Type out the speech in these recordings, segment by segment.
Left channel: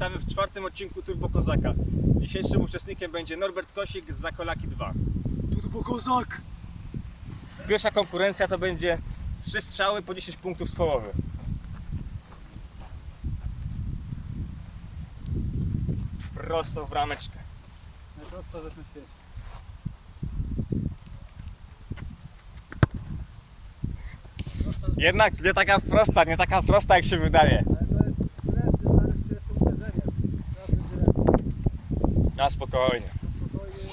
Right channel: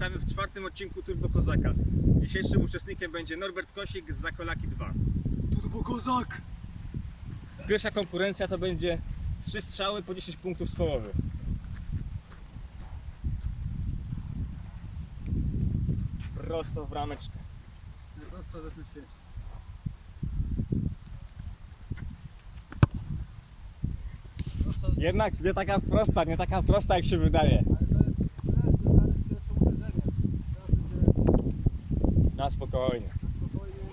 Witamy w czwartym odcinku Turbo Kozaka. Dzisiejszym uczestnikiem będzie Norbert Kosik z Zakolaki 2. Turbo Kozak! Pierwsza konkurencja to będzie trzy strzały po 10 punktów z połowy. Prosto w rameczkę. Najprostsza rzecz na świecie. Jednak nie taka prosta, nie taka prosta jak się wydaje. ale to jest stres związany z pierwszym uderzeniem. Teraz będzie lepiej. Na spokojnie. Na spokojnie.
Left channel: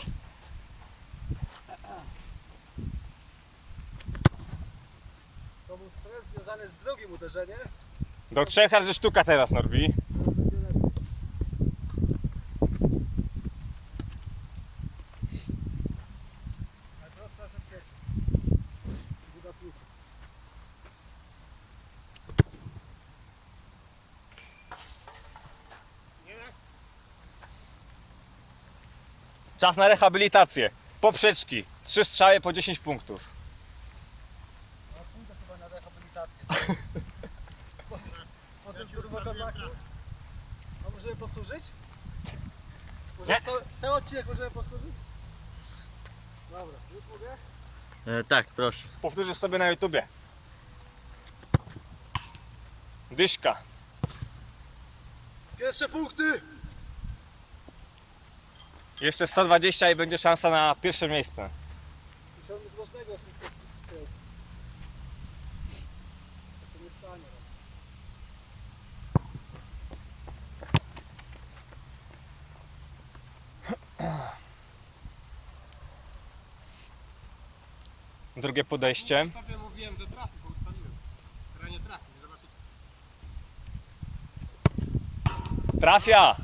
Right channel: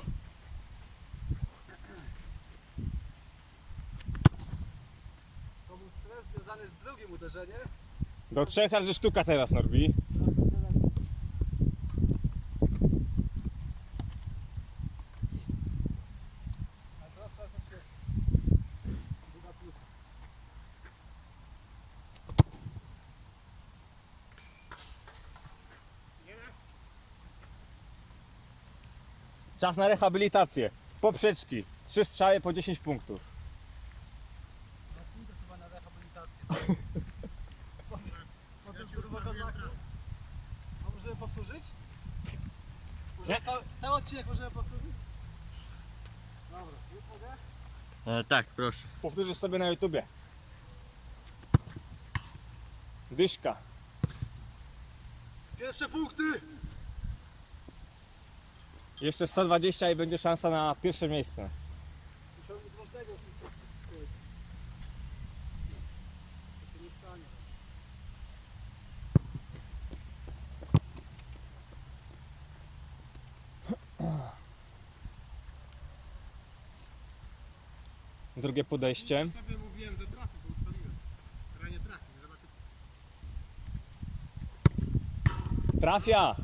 To był stres związany z drugim uderzeniem. Do trzech razy sztuka teraz Norbi. Teraz będzie lepiej. Najprostsza rzecz na świecie. Druga piłka. Czas na rehabilitację. Poprzeczki. Trzy strzały po 10 punktów. No pójdę chyba na rehabilitację. Po, po tym turbo kozaku. No możemy powtórzyć? Może Nie. cały, cały odcinek możemy powtórzyć? Dobra, już mogę? E, tak, proszę. Powtórzysz sobie na YouTubie. Dyszka. Pierwsze punkty! Jeszcze 120 i będzie szansa na pierwsze miejsce. Musiałem z ważnego wpisać. To się nie stanie. Drugie podejście. Sobie mówiłem, że trafi, bo ustawiłem. Teraz nie trafi, nie zobaczycie. Trafia!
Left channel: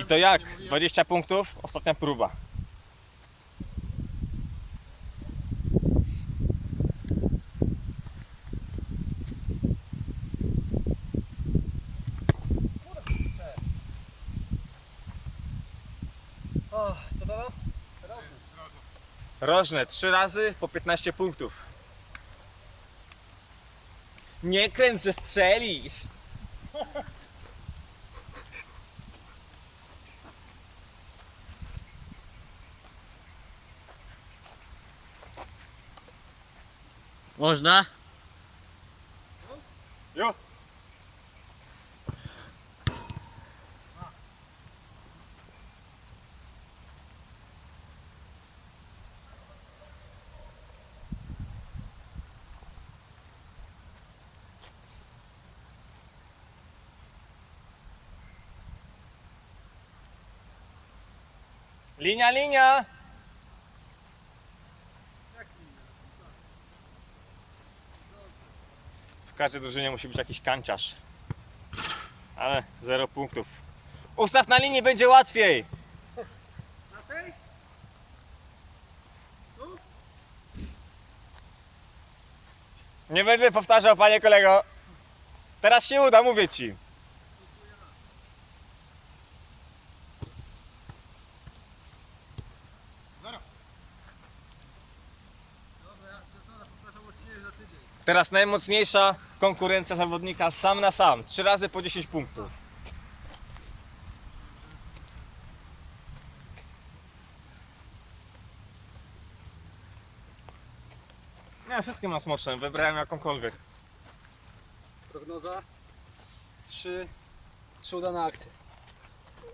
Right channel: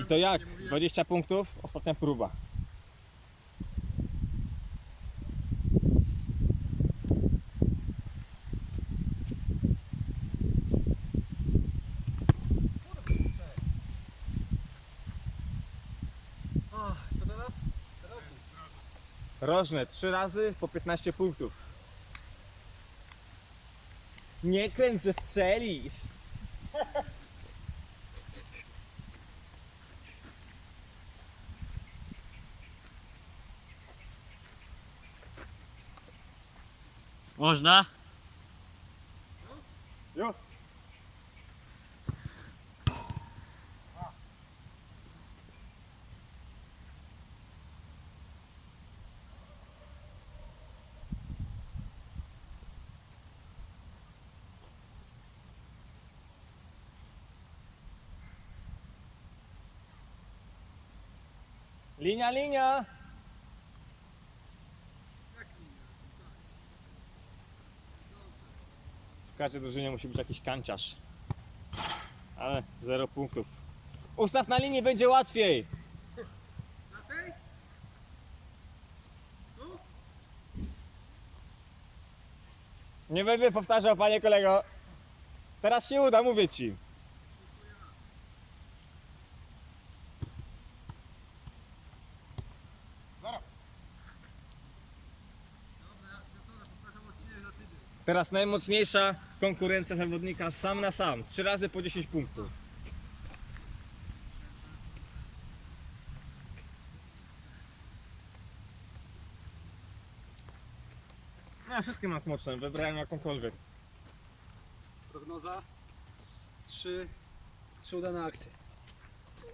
I to jak? nie mówiłem. 20 punktów? Ostatnia próba. Co teraz? Robię. Rożne, 3 razy po 15 punktów. Nie kręć, że strzelisz! Można? Jo! Linia, linia! Każdej drużynie musi być jakiś kanciarz. Ale zero punktów. Ustaw na linii, będzie łatwiej! Na tej? Tu? Nie będę powtarzał, panie kolego. Teraz się uda, mówię ci. Teraz najmocniejsza konkurencja zawodnika sam na sam. Trzy razy po 10 punktów. Ja wszystkie mam smoczne, wybrałem jakąkolwiek. Prognoza. Trzy, trzy udane akcje.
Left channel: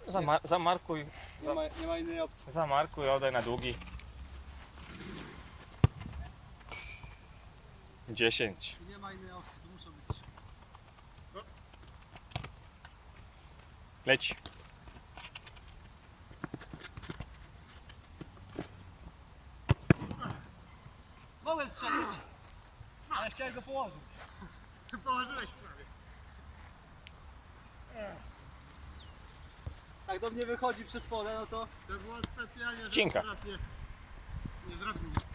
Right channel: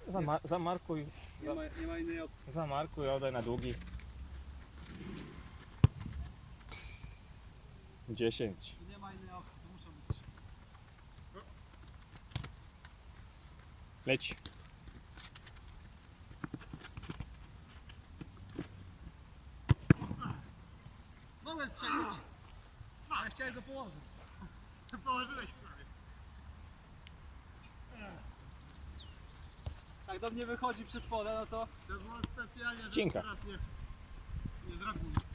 Zama- zamarkuj, Nie ma, nie ma innej opcji. zamarkuj, oddaj na długi. 10. Nie ma innej opcji, to muszą być trzy. Leć. Mogłem strzelić, ale chciałem go położyć. Położyłeś prawie. Jak do mnie wychodzi przed pole, no to To było specjalnie, żeby Cinka. teraz nie, nie zrobił nic.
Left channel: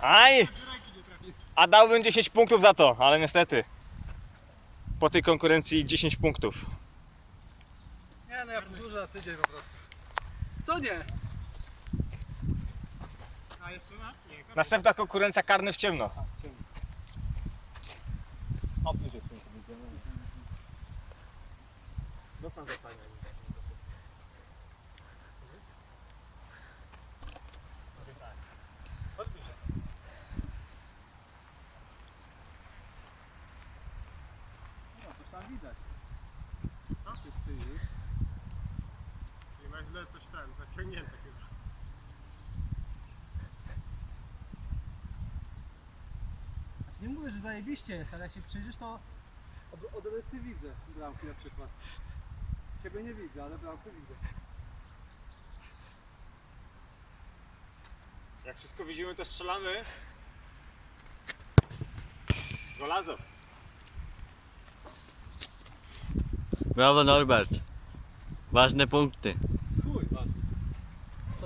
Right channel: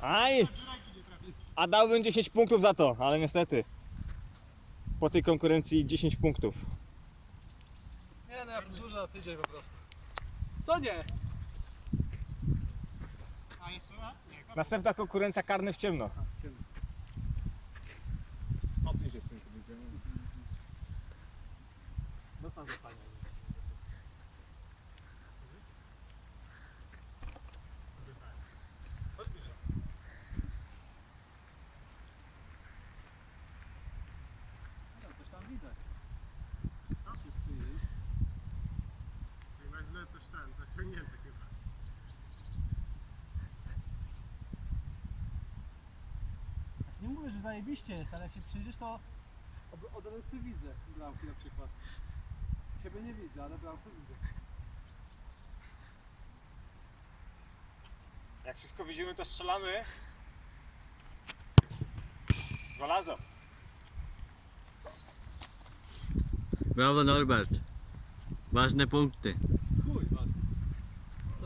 Aj! Z ręki nie trafi. A dałbym 10 punktów za to, ale niestety. Po tej konkurencji 10 punktów. Nie no, ja powtórzę na tydzień po prostu. Co nie? Następna konkurencja karny w ciemno. Opnie się w tym powiedziałem. sam zapania. Ten, zaciągnięte chyba. Znaczy nie mówię, że zajebiście jest, ale jak się przyjrzysz, to od, od rysy widzę bramki na przykład. Ciebie nie widzę, ale bramkę widzę. Jak wszystko widzimy, to strzelamy. Golazo. Brawo Norbert. Ważne punkty.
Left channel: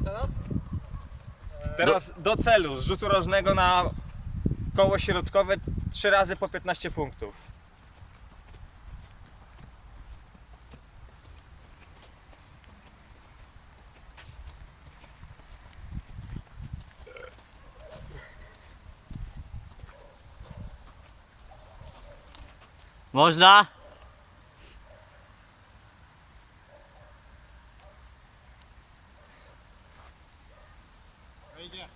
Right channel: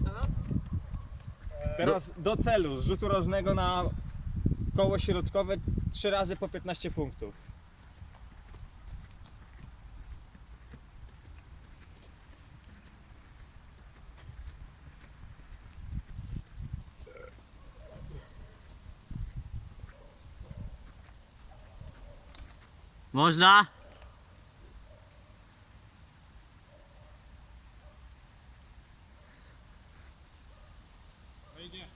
Teraz? Teraz do celu, z rzutu rożnego na koło środkowe 3 razy po 15 punktów. Można? Wejdzie.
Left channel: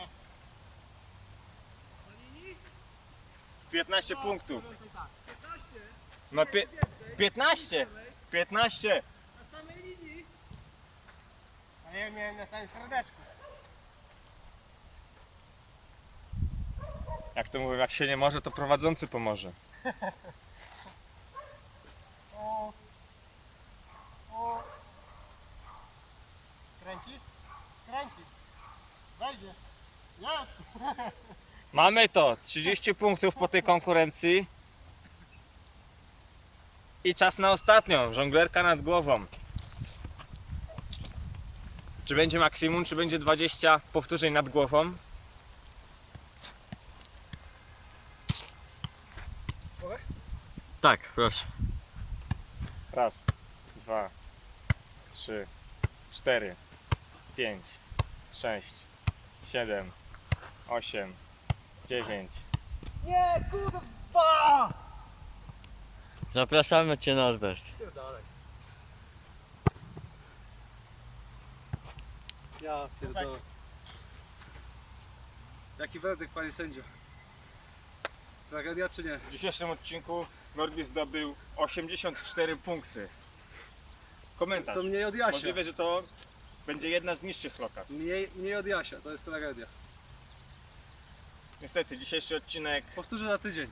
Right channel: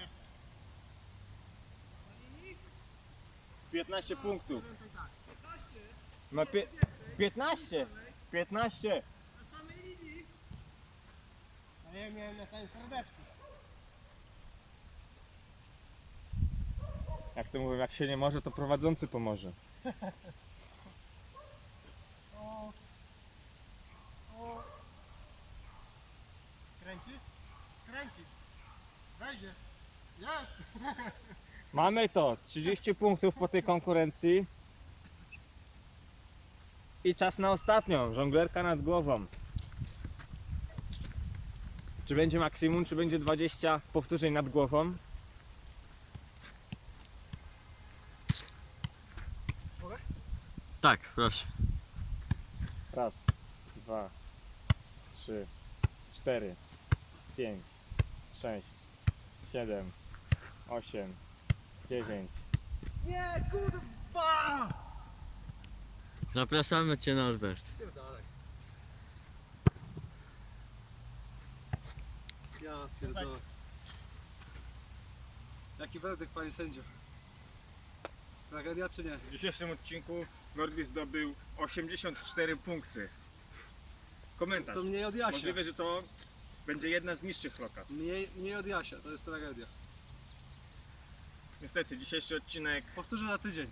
Jest. 15 punktów. Tak. No pie- 15! 15! Na samej linii. A ja miałem na samym serdeczku. Jak to mówią, jak się nie może, to prowadzący pomoże. O. O. Skręci. Wejdzie. Jest. Mamy to! 30 punktów po tej konkurencji. I czas na ostatnią, żonglerka nad głową. Czy będzie maksimum, czy będzie 20 powtórzeń nad głową? Tak, proszę. Raz, dwa, trzy, cztery, pięć, sześć, siedem, osiem, dziewięć. Nie, kurwa! Zapraszamy Cię Norbert. Pierdalej. Ja pierdolę. Jaki werdykt, panie sędzio? Tragedia czy nie? W dzisiejszym odcinku Norwis zdobył 84 punkty. Komentarz. To mniej od Jasia. Możliwe, że to będzie jedna z niższych lokat. Mniej, mniej od Jasia, to jest tragedia. Niestety, dzisiejszy odcinek Powtórzę za tydzień.